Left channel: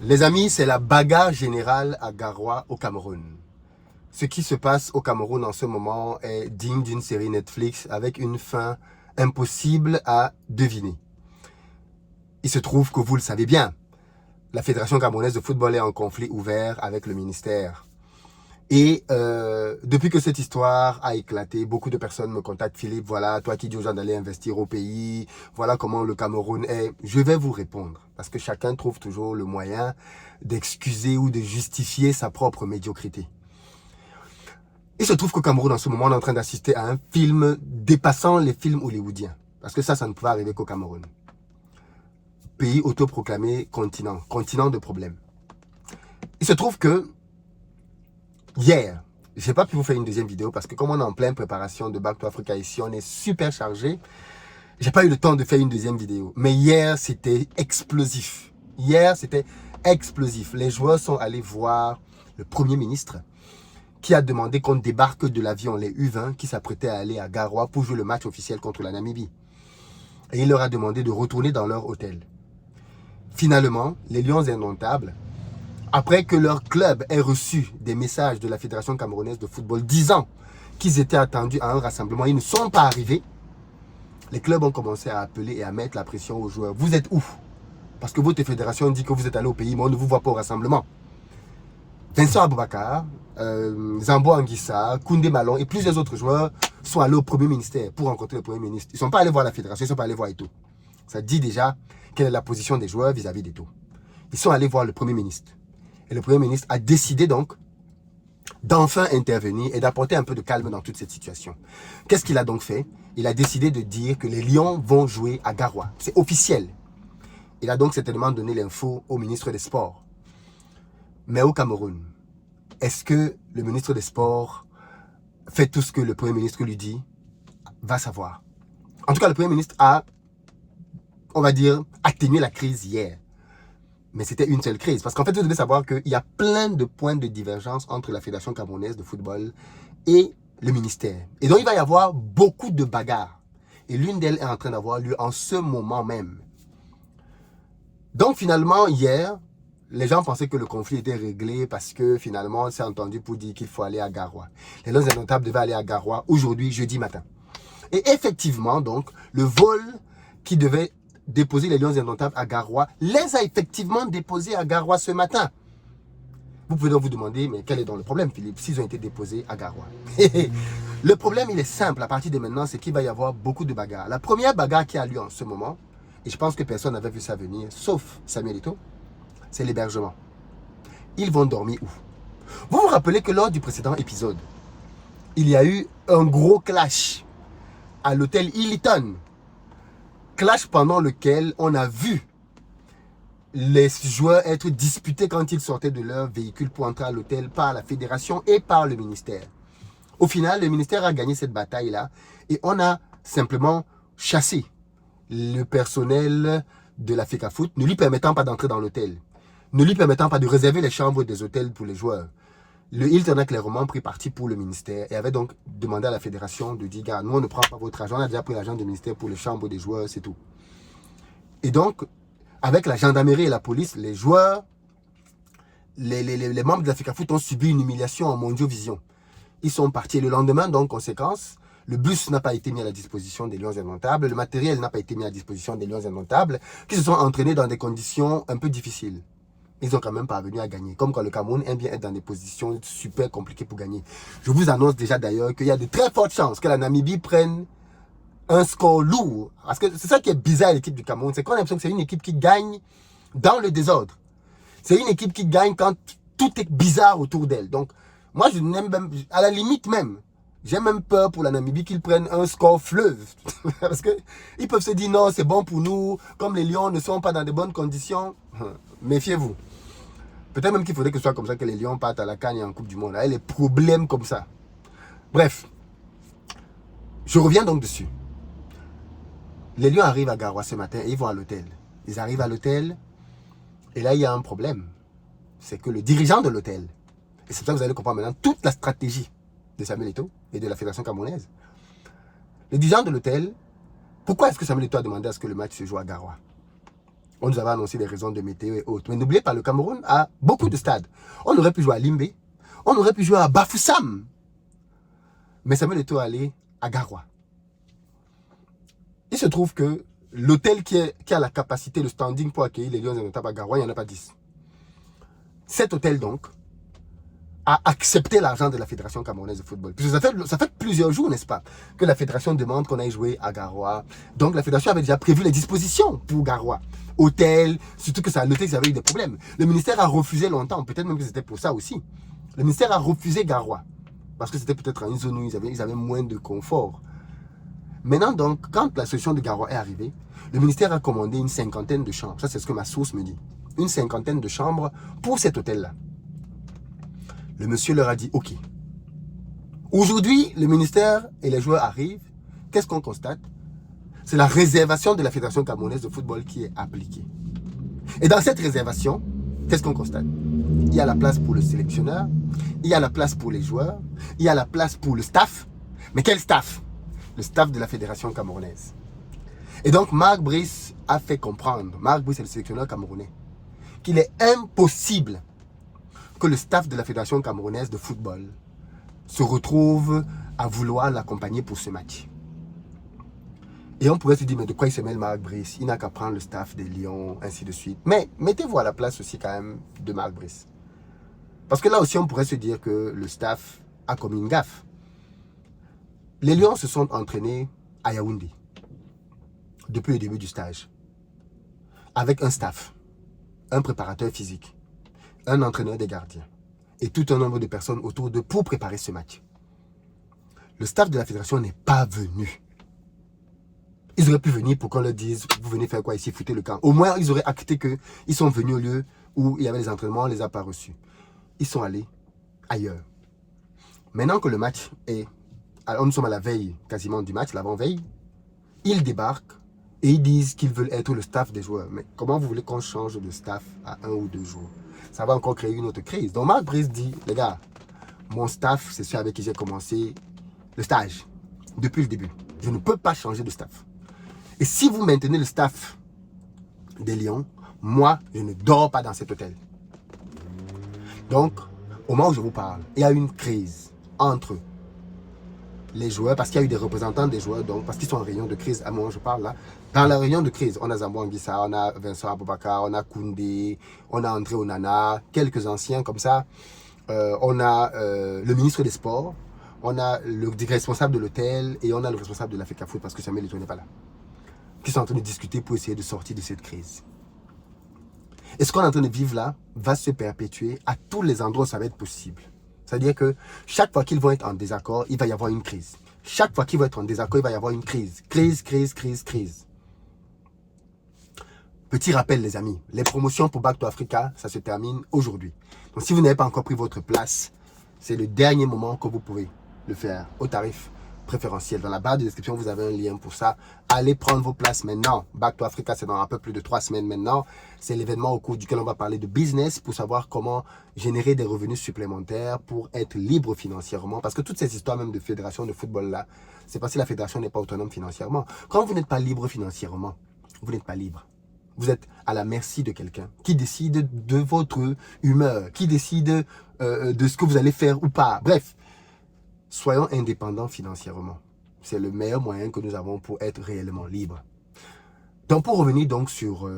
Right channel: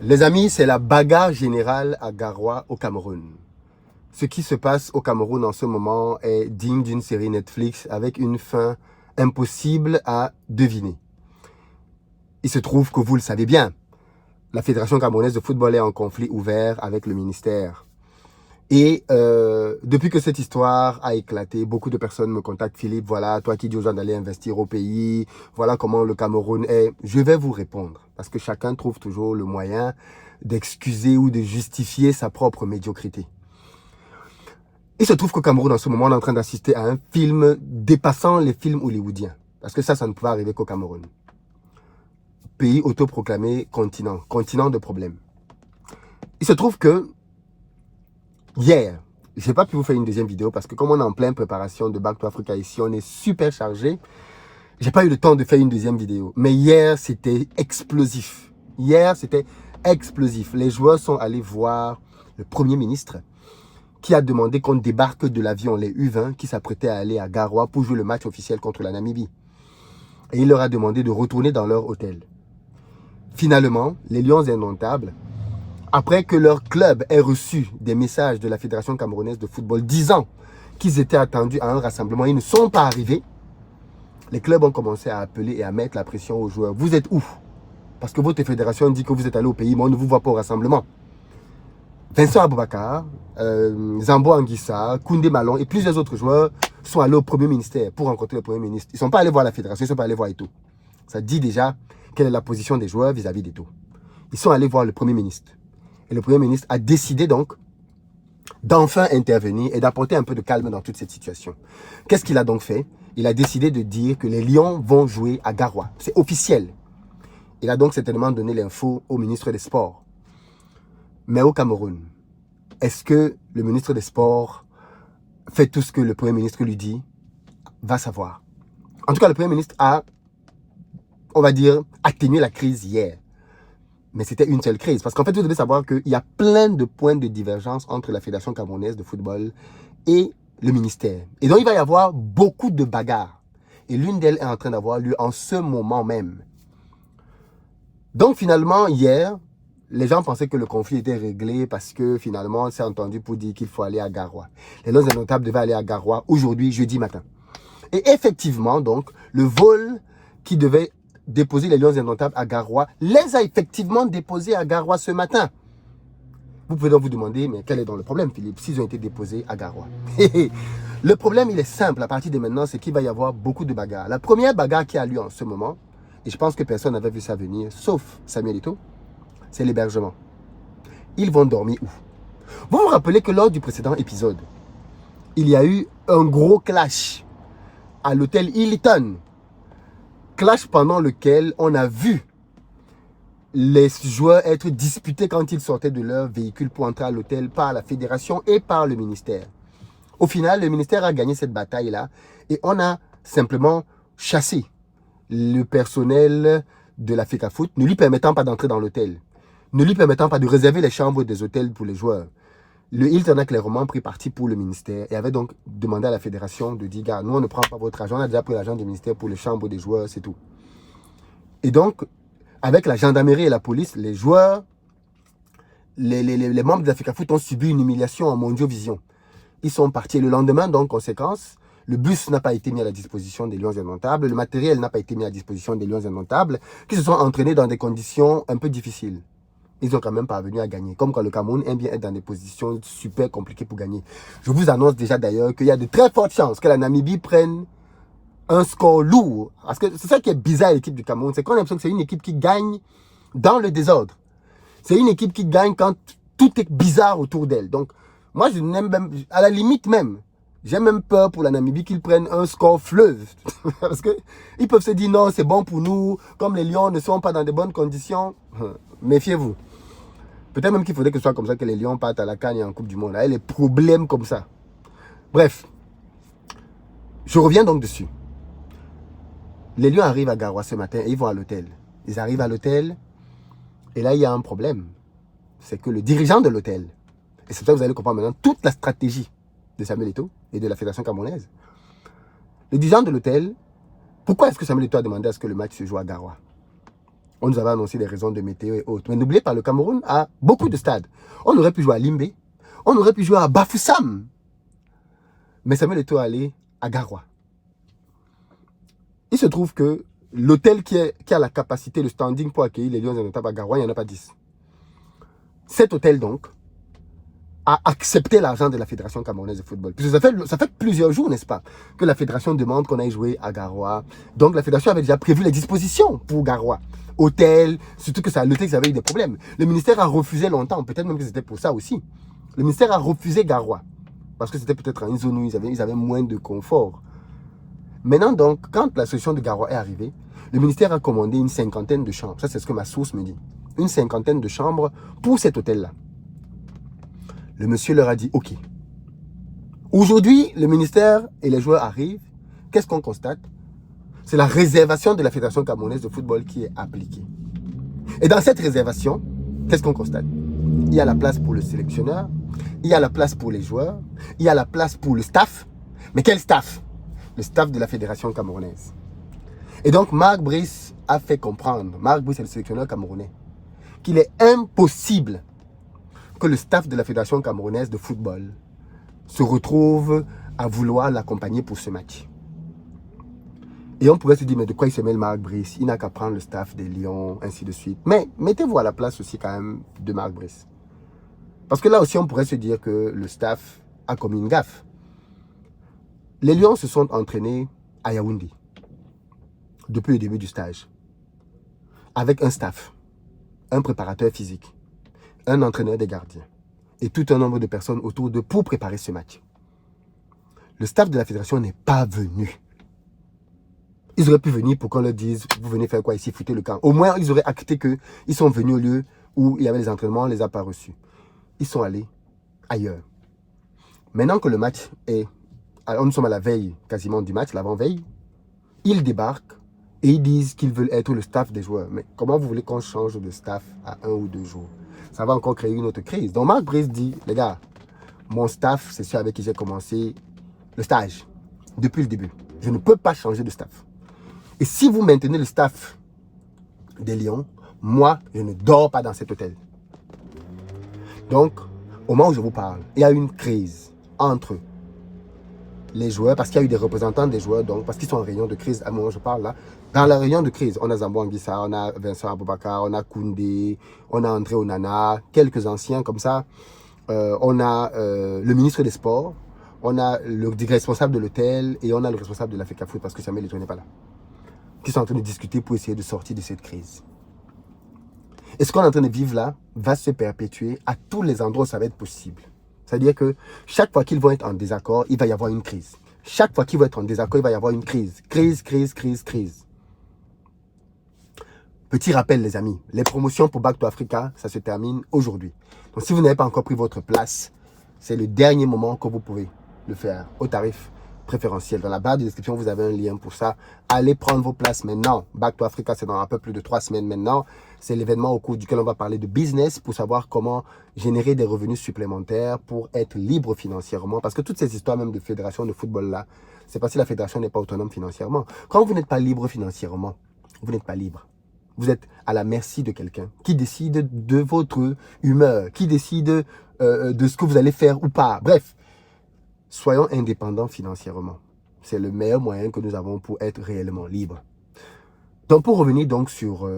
Les amis, c'est la bagarre générale à Garoua au Cameroun. Ce qui se passe au Cameroun en ce moment est digne d'une série Netflix avec une fin impossible à deviner. Il se trouve que vous le savez bien, la Fédération camerounaise de football est en conflit ouvert avec le ministère. Et depuis que cette histoire a éclaté, beaucoup de personnes me contactent. Philippe, voilà, toi qui dis aux gens d'aller investir au pays, voilà comment le Cameroun est. Je vais vous répondre, parce que chacun trouve toujours le moyen d'excuser ou de justifier sa propre médiocrité. Il se trouve qu'au Cameroun, en ce moment, on est en train d'assister à un film dépassant les films hollywoodiens. Parce que ça ne pouvait arriver qu'au Cameroun. Pays autoproclamé continent, continent de problèmes. Il se trouve que hier, je n'ai pas pu vous faire une deuxième vidéo parce que comme on est en pleine préparation de Back to Africa ici, on est super chargé. J'ai pas eu le temps de faire une deuxième vidéo. Mais hier, c'était explosif. Hier, c'était explosif. Les joueurs sont allés voir le Premier ministre qui a demandé qu'on débarque de l'avion, les U20, qui s'apprêtaient à aller à Garoua pour jouer le match officiel contre la Namibie. Et il leur a demandé de retourner dans leur hôtel. Finalement, les Lions Indomptables, après que leur club ait reçu des messages de la Fédération camerounaise de football disant qu'ils étaient attendus à un rassemblement, ils ne sont pas arrivés, les clubs ont commencé à appeler et à mettre la pression aux joueurs. Vous êtes où? Parce que votre fédération dit que vous êtes allé au pays, mais on ne vous voit pas au rassemblement. Vincent Aboubakar, Zambo Anguissa, Koundé Malon et plusieurs autres joueurs sont allés au Premier ministère pour rencontrer le Premier ministre. Ils ne sont pas allés voir la fédération, ils ne sont pas allés voir Eto'o. Ça dit déjà quelle est la position des joueurs vis-à-vis d'Eto'o. Ils sont allés voir le Premier ministre. Et le Premier ministre a décidé donc d'enfin intervenir et d'apporter un peu de calme dans toute cette situation. Qu'est-ce qu'il a donc fait? Il a décidé de dire que les Lions vont jouer à Garoua. C'est officiel. Il a donc certainement donné l'info au ministre des Sports. Mais au Cameroun, est-ce que le ministre des Sports fait tout ce que le Premier ministre lui dit? Va savoir. En tout cas, le Premier ministre a, on va dire, atténué la crise hier. Mais c'était une seule crise. Parce qu'en fait, vous devez savoir qu'il y a plein de points de divergence entre la Fédération camerounaise de football et le ministère. Et donc, il va y avoir beaucoup de bagarres. Et l'une d'elles est en train d'avoir lieu en ce moment même. Donc, finalement, hier, les gens pensaient que le conflit était réglé parce que finalement, on s'est entendu pour dire qu'il faut aller à Garoua. Les Lions Indomptables devaient aller à Garoua aujourd'hui, jeudi matin. Et effectivement, donc, le vol qui devait déposer les Lions Indomptables à Garoua les a effectivement déposés à Garoua ce matin. Vous pouvez donc vous demander, mais quel est donc le problème, Philippe, s'ils ont été déposés à Garoua? Le problème, il est simple à partir de maintenant, c'est qu'il va y avoir beaucoup de bagarres. La première bagarre qui a lieu en ce moment, et je pense que personne n'avait vu ça venir, sauf Samuel Eto'o, c'est l'hébergement. Ils vont dormir où? Vous vous rappelez que lors du précédent épisode, il y a eu un gros clash à l'hôtel Hilton. Clash pendant lequel on a vu les joueurs être disputés quand ils sortaient de leur véhicule pour entrer à l'hôtel par la fédération et par le ministère. Au final, le ministère a gagné cette bataille-là et on a simplement chassé le personnel de la FECAFOOT, ne lui permettant pas d'entrer dans l'hôtel, ne lui permettant pas de réserver les chambres des hôtels pour les joueurs. Le Hilton a clairement pris parti pour le ministère et avait donc demandé à la fédération de dire, gars, nous on ne prend pas votre argent, on a déjà pris l'argent du ministère pour les chambres des joueurs, c'est tout. Et donc, avec la gendarmerie et la police, les joueurs, les membres de la FECAFOOT ont subi une humiliation en Mondiovision. Ils sont partis le lendemain, donc conséquence, le bus n'a pas été mis à la disposition des Lions Indomptables, le matériel n'a pas été mis à la disposition des Lions Indomptables, qui se sont entraînés dans des conditions un peu difficiles. Ils ont quand même parvenu à gagner. Comme quand le Cameroun aime bien être dans des positions super compliquées pour gagner. Je vous annonce déjà d'ailleurs qu'il y a de très fortes chances que la Namibie prenne un score lourd. Parce que c'est ça qui est bizarre à l'équipe du Cameroun. C'est qu'on a l'impression que c'est une équipe qui gagne dans le désordre. C'est une équipe qui gagne quand tout est bizarre autour d'elle. Donc, moi, je n'aime même, à la limite même, j'ai même peur pour la Namibie qu'ils prennent un score fleuve. Parce qu'ils peuvent se dire non, c'est bon pour nous. Comme les Lions ne sont pas dans de bonnes conditions, méfiez-vous. Peut-être même qu'il faudrait que ce soit comme ça que les Lions partent à la CAN et en Coupe du Monde. Là, les problèmes comme ça. Bref, je reviens donc dessus. Les Lions arrivent à Garoua ce matin et ils vont à l'hôtel. Ils arrivent à l'hôtel et là, il y a un problème. C'est que le dirigeant de l'hôtel, et c'est ça que vous allez comprendre maintenant toute la stratégie de Samuel Eto'o et de la Fédération camerounaise. Le dirigeant de l'hôtel, pourquoi est-ce que Samuel Eto'o a demandé à ce que le match se joue à Garoua? On nous avait annoncé des raisons de météo et autres. Mais n'oubliez pas, le Cameroun a beaucoup de stades. On aurait pu jouer à Limbe, on aurait pu jouer à Bafoussam. Mais Samuel Eto'o est allé à Garoua. Il se trouve que l'hôtel qui a la capacité, le standing pour accueillir les Lions indomptables à Garoua, il n'y en a pas 10. Cet hôtel donc a accepté l'argent de la Fédération camerounaise de football. Puisque ça fait plusieurs jours, n'est-ce pas, que la Fédération demande qu'on aille jouer à Garoua. Donc la Fédération avait déjà prévu les dispositions pour Garoua. Hôtel, surtout que l'hôtel, ils avaient eu des problèmes. Le ministère a refusé longtemps, peut-être même que c'était pour ça aussi. Le ministère a refusé Garoua. Parce que c'était peut-être une zone où ils avaient moins de confort. Maintenant donc, quand la solution de Garoua est arrivée, le ministère a commandé une 50aine de chambres. Ça, c'est ce que ma source me dit. Une 50aine de chambres pour cet hôtel-là. Le monsieur leur a dit, OK. Aujourd'hui, le ministère et les joueurs arrivent. Qu'est-ce qu'on constate? C'est la réservation de la Fédération camerounaise de football qui est appliquée. Et dans cette réservation, qu'est-ce qu'on constate? Il y a la place pour le sélectionneur, il y a la place pour les joueurs, il y a la place pour le staff. Mais quel staff? Le staff de la Fédération camerounaise. Et donc, Marc Brice a fait comprendre, Marc Brice est le sélectionneur camerounais, qu'il est impossible que le staff de la Fédération camerounaise de football se retrouve à vouloir l'accompagner pour ce match. Et on pourrait se dire, mais de quoi il se mêle Marc Brice? Il n'a qu'à prendre le staff des Lions, ainsi de suite. Mais mettez-vous à la place aussi quand même de Marc Brice. Parce que là aussi, on pourrait se dire que le staff a commis une gaffe. Les Lions se sont entraînés à Yaoundé depuis le début du stage. Avec un staff, un préparateur physique, un entraîneur des gardiens et tout un nombre de personnes autour d'eux pour préparer ce match. Le staff de la fédération n'est pas venu. Ils auraient pu venir pour qu'on leur dise, vous venez faire quoi ici, foutez le camp. Au moins, ils auraient acté qu'ils sont venus au lieu où il y avait les entraînements, on ne les a pas reçus. Ils sont allés ailleurs. Maintenant que le match est... Alors, nous sommes à la veille quasiment du match, l'avant-veille. Ils débarquent et ils disent qu'ils veulent être le staff des joueurs. Mais comment vous voulez qu'on change de staff à 1 ou 2 jours? Ça va encore créer une autre crise. Donc Marc Brice dit, les gars, mon staff, c'est celui avec qui j'ai commencé le stage depuis le début. Je ne peux pas changer de staff. Et si vous maintenez le staff des Lions, moi, je ne dors pas dans cet hôtel. Donc, au moment où je vous parle, il y a une crise entre les joueurs, parce qu'il y a eu des représentants des joueurs, donc parce qu'ils sont en réunion de crise, à un moment où je parle là. Dans la réunion de crise, on a Zambo Anguissa, on a Vincent Aboubakar, on a Koundé, on a André Onana, quelques anciens comme ça. On a le ministre des Sports, on a le responsable de l'hôtel et on a le responsable de la FECAFOOT parce que Samuel Eto'o n'est pas là. Qui sont en train de discuter pour essayer de sortir de cette crise. Et ce qu'on est en train de vivre là va se perpétuer à tous les endroits où ça va être possible. C'est-à-dire que chaque fois qu'ils vont être en désaccord, il va y avoir une crise. Chaque fois qu'ils vont être en désaccord, il va y avoir une crise. Crise, crise, crise, crise. Petit rappel les amis, les promotions pour Back to Africa, ça se termine aujourd'hui. Donc si vous n'avez pas encore pris votre place, c'est le dernier moment que vous pouvez le faire au tarif préférentiel. Dans la barre de description, vous avez un lien pour ça. Allez prendre vos places maintenant. Back to Africa, c'est dans un peu plus de 3 semaines maintenant. C'est l'événement au cours duquel on va parler de business pour savoir comment générer des revenus supplémentaires pour être libre financièrement. Parce que toutes ces histoires même de fédération de football là, c'est parce que la fédération n'est pas autonome financièrement. Quand vous n'êtes pas libre financièrement, vous n'êtes pas libre. Vous êtes à la merci de quelqu'un qui décide de votre humeur, qui décide de ce que vous allez faire ou pas. Bref, soyons indépendants financièrement. C'est le meilleur moyen que nous avons pour être réellement libres. Donc pour revenir donc sur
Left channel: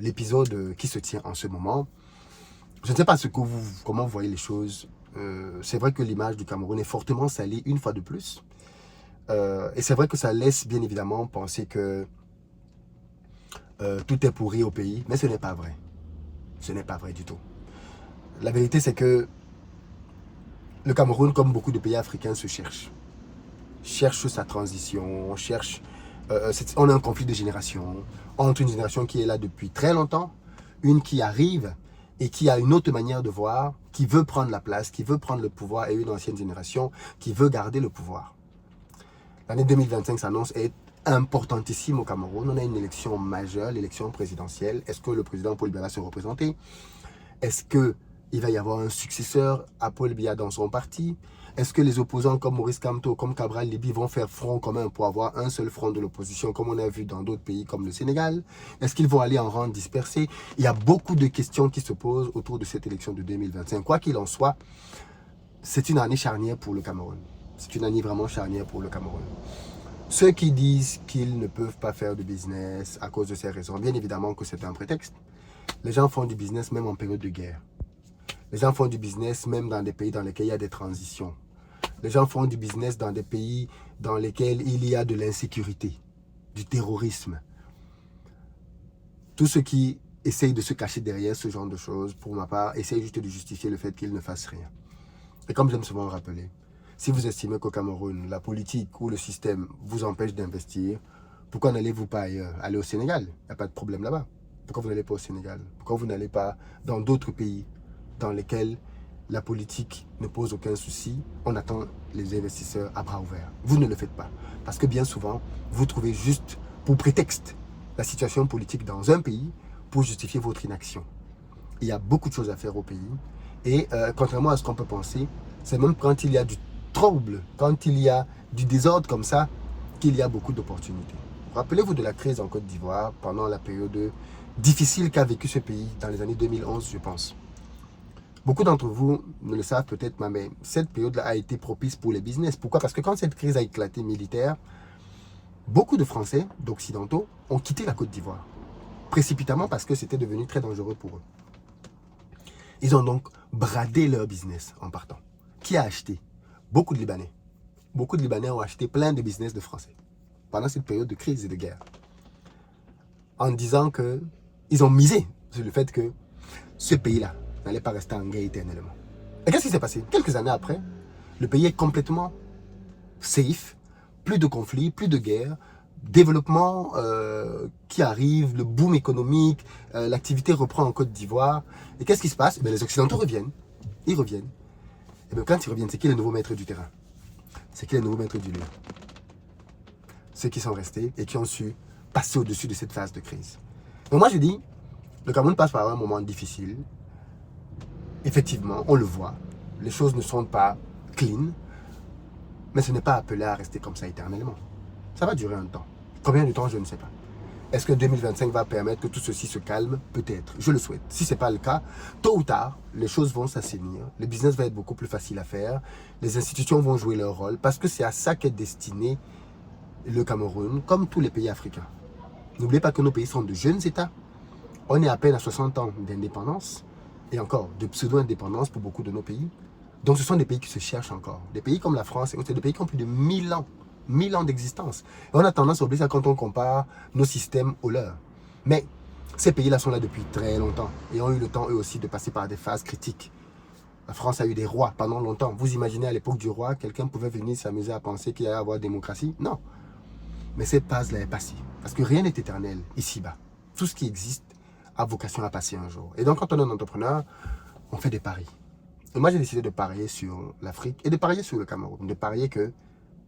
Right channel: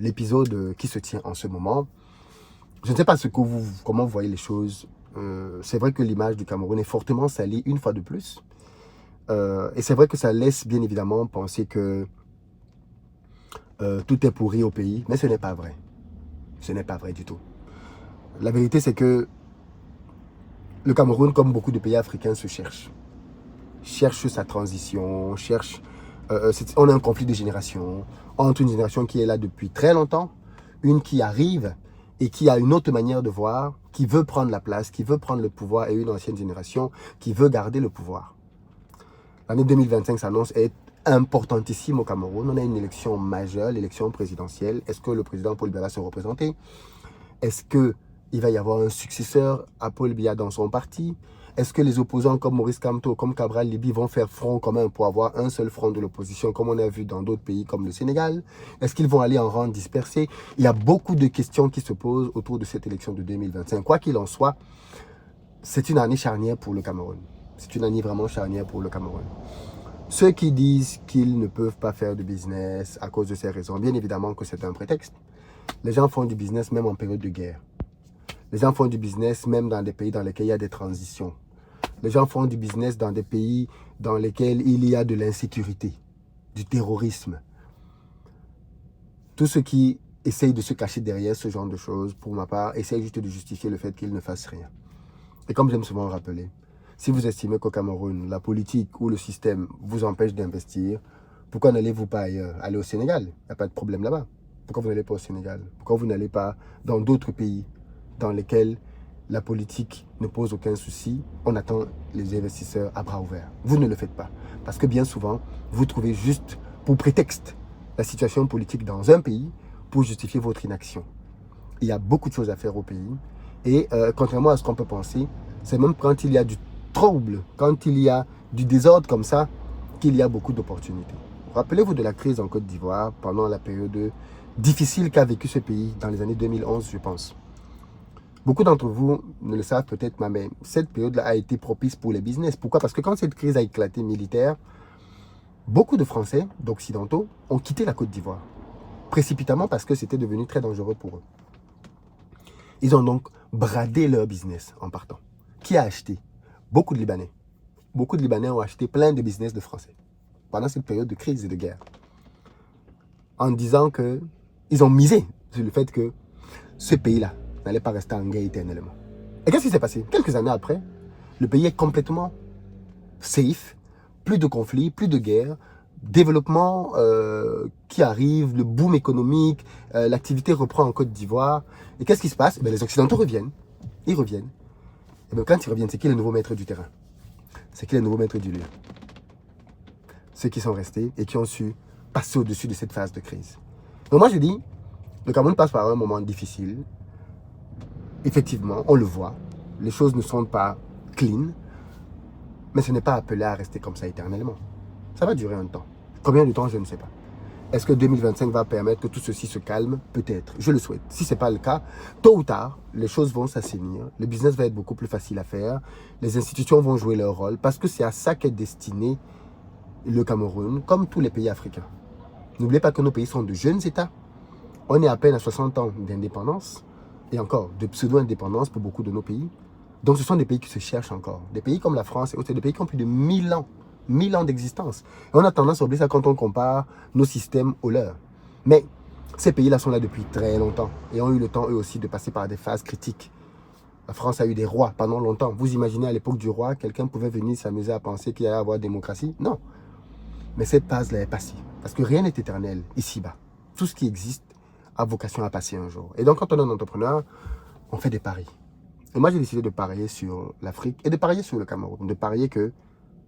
l'épisode qui se tient en ce moment, je ne sais pas comment vous voyez les choses. C'est vrai que l'image du Cameroun est fortement salie une fois de plus. Et c'est vrai que ça laisse bien évidemment penser que tout est pourri au pays, mais ce n'est pas vrai. Ce n'est pas vrai du tout. La vérité, c'est que le Cameroun, comme beaucoup de pays africains, se cherche. Cherche sa transition, on a un conflit de génération entre une génération qui est là depuis très longtemps, une qui arrive et qui a une autre manière de voir, qui veut prendre la place, qui veut prendre le pouvoir, et une ancienne génération qui veut garder le pouvoir. L'année 2025 s'annonce être importantissime au Cameroun. On a une élection majeure, l'élection présidentielle. Est-ce que le président Paul Biya va se représenter? Est-ce qu'il va y avoir un successeur à Paul Biya dans son parti? Est-ce que les opposants comme Maurice Kamto, comme Cabral Libby vont faire front commun pour avoir un seul front de l'opposition, comme on a vu dans d'autres pays comme le Sénégal? Est-ce qu'ils vont aller en rang dispersé? Il y a beaucoup de questions qui se posent autour de cette élection de 2025. Quoi qu'il en soit, c'est une année charnière pour le Cameroun. C'est une année vraiment charnière pour le Cameroun. Ceux qui disent qu'ils ne peuvent pas faire de business à cause de ces raisons, bien évidemment que c'est un prétexte. Les gens font du business même en période de guerre. Les gens font du business même dans des pays dans lesquels il y a des transitions. Les gens font du business dans des pays dans lesquels il y a de l'insécurité, du terrorisme. Tous ceux qui essayent de se cacher derrière ce genre de choses, pour ma part, essayent juste de justifier le fait qu'ils ne fassent rien. Et comme j'aime souvent rappeler, si vous estimez qu'au Cameroun, la politique ou le système vous empêche d'investir, pourquoi n'allez-vous pas ailleurs? Allez au Sénégal, il n'y a pas de problème là-bas. Pourquoi vous n'allez pas au Sénégal? Pourquoi vous n'allez pas dans d'autres pays dans lesquels la politique ne pose aucun souci? On attend les investisseurs à bras ouverts. Vous ne le faites pas. Parce que bien souvent, vous trouvez juste pour prétexte la situation politique dans un pays pour justifier votre inaction. Il y a beaucoup de choses à faire au pays. Et contrairement à ce qu'on peut penser, c'est même quand il y a du trouble, quand il y a du désordre comme ça, qu'il y a beaucoup d'opportunités. Rappelez-vous de la crise en Côte d'Ivoire pendant la période difficile qu'a vécu ce pays dans les années 2011, je pense. Beaucoup d'entre vous ne le savent peut-être, mais cette période-là a été propice pour les business. Pourquoi? Parce que quand cette crise a éclaté militaire, beaucoup de Français, d'Occidentaux, ont quitté la Côte d'Ivoire. Précipitamment parce que c'était devenu très dangereux pour eux. Ils ont donc bradé leur business en partant. Qui a acheté? Beaucoup de Libanais. Beaucoup de Libanais ont acheté plein de business de Français pendant cette période de crise et de guerre. En disant qu'ils ont misé sur le fait que ce pays-là n'allait pas rester en guerre éternellement. Et qu'est-ce qui s'est passé? Quelques années après, le pays est complètement safe, plus de conflits, plus de guerres, développement qui arrive, le boom économique, l'activité reprend en Côte d'Ivoire. Et qu'est-ce qui se passe? Les Occidentaux reviennent. Ils reviennent. Et bien, quand ils reviennent, c'est qui le nouveau maître du terrain? C'est qui le nouveau maître du lieu? Ceux qui sont restés et qui ont su passer au-dessus de cette phase de crise. Donc moi, je dis, le Cameroun passe par un moment difficile. Effectivement, on le voit. Les choses ne sont pas clean. Mais ce n'est pas appelé à rester comme ça éternellement. Ça va durer un temps. Combien de temps, je ne sais pas. Est-ce que 2025 va permettre que tout ceci se calme? Peut-être. Je le souhaite. Si ce n'est pas le cas, tôt ou tard, les choses vont s'assainir. Le business va être beaucoup plus facile à faire. Les institutions vont jouer leur rôle parce que c'est à ça qu'est destiné le Cameroun, comme tous les pays africains. N'oubliez pas que nos pays sont de jeunes États. On est à peine à 60 ans d'indépendance et encore de pseudo-indépendance pour beaucoup de nos pays. Donc ce sont des pays qui se cherchent encore. Des pays comme la France, c'est des pays qui ont plus de 1000 ans. 1000 ans d'existence. Et on a tendance à oublier ça quand on compare nos systèmes aux leurs. Mais ces pays-là sont là depuis très longtemps et ont eu le temps eux aussi de passer par des phases critiques. La France a eu des rois pendant longtemps. Vous imaginez à l'époque du roi, quelqu'un pouvait venir s'amuser à penser qu'il allait y avoir démocratie? Non. Mais cette phase-là est passée. Parce que rien n'est éternel ici-bas. Tout ce qui existe a vocation à passer un jour. Et donc quand on est un entrepreneur, on fait des paris. Et moi j'ai décidé de parier sur l'Afrique et de parier sur le Cameroun. De parier que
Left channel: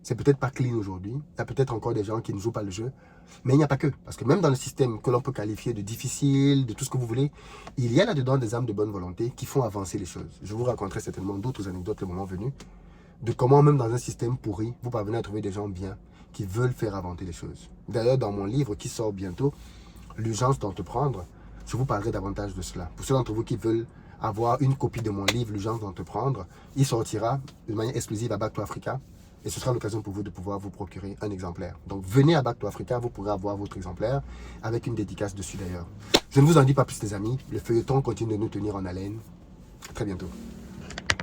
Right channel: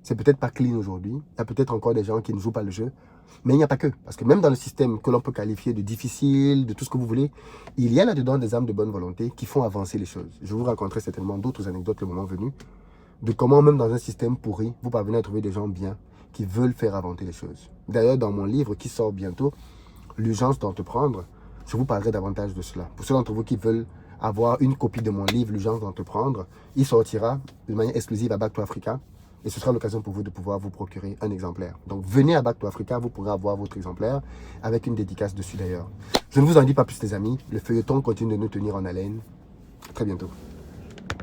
c'est peut-être pas clean aujourd'hui. Il y a peut-être encore des gens qui ne jouent pas le jeu. Mais il n'y a pas que. Parce que même dans le système que l'on peut qualifier de difficile, de tout ce que vous voulez, il y a là-dedans des âmes de bonne volonté qui font avancer les choses. Je vous raconterai certainement d'autres anecdotes le moment venu, de comment même dans un système pourri, vous parvenez à trouver des gens bien qui veulent faire avancer les choses. D'ailleurs, dans mon livre qui sort bientôt, L'urgence d'entreprendre, je vous parlerai davantage de cela. Pour ceux d'entre vous qui veulent avoir une copie de mon livre, L'urgence d'entreprendre, il sortira de manière exclusive à Back to Africa. Et ce sera l'occasion pour vous de pouvoir vous procurer un exemplaire. Donc venez à Back to Africa, vous pourrez avoir votre exemplaire avec une dédicace dessus d'ailleurs. Je ne vous en dis pas plus les amis, le feuilleton continue de nous tenir en haleine. Très bientôt.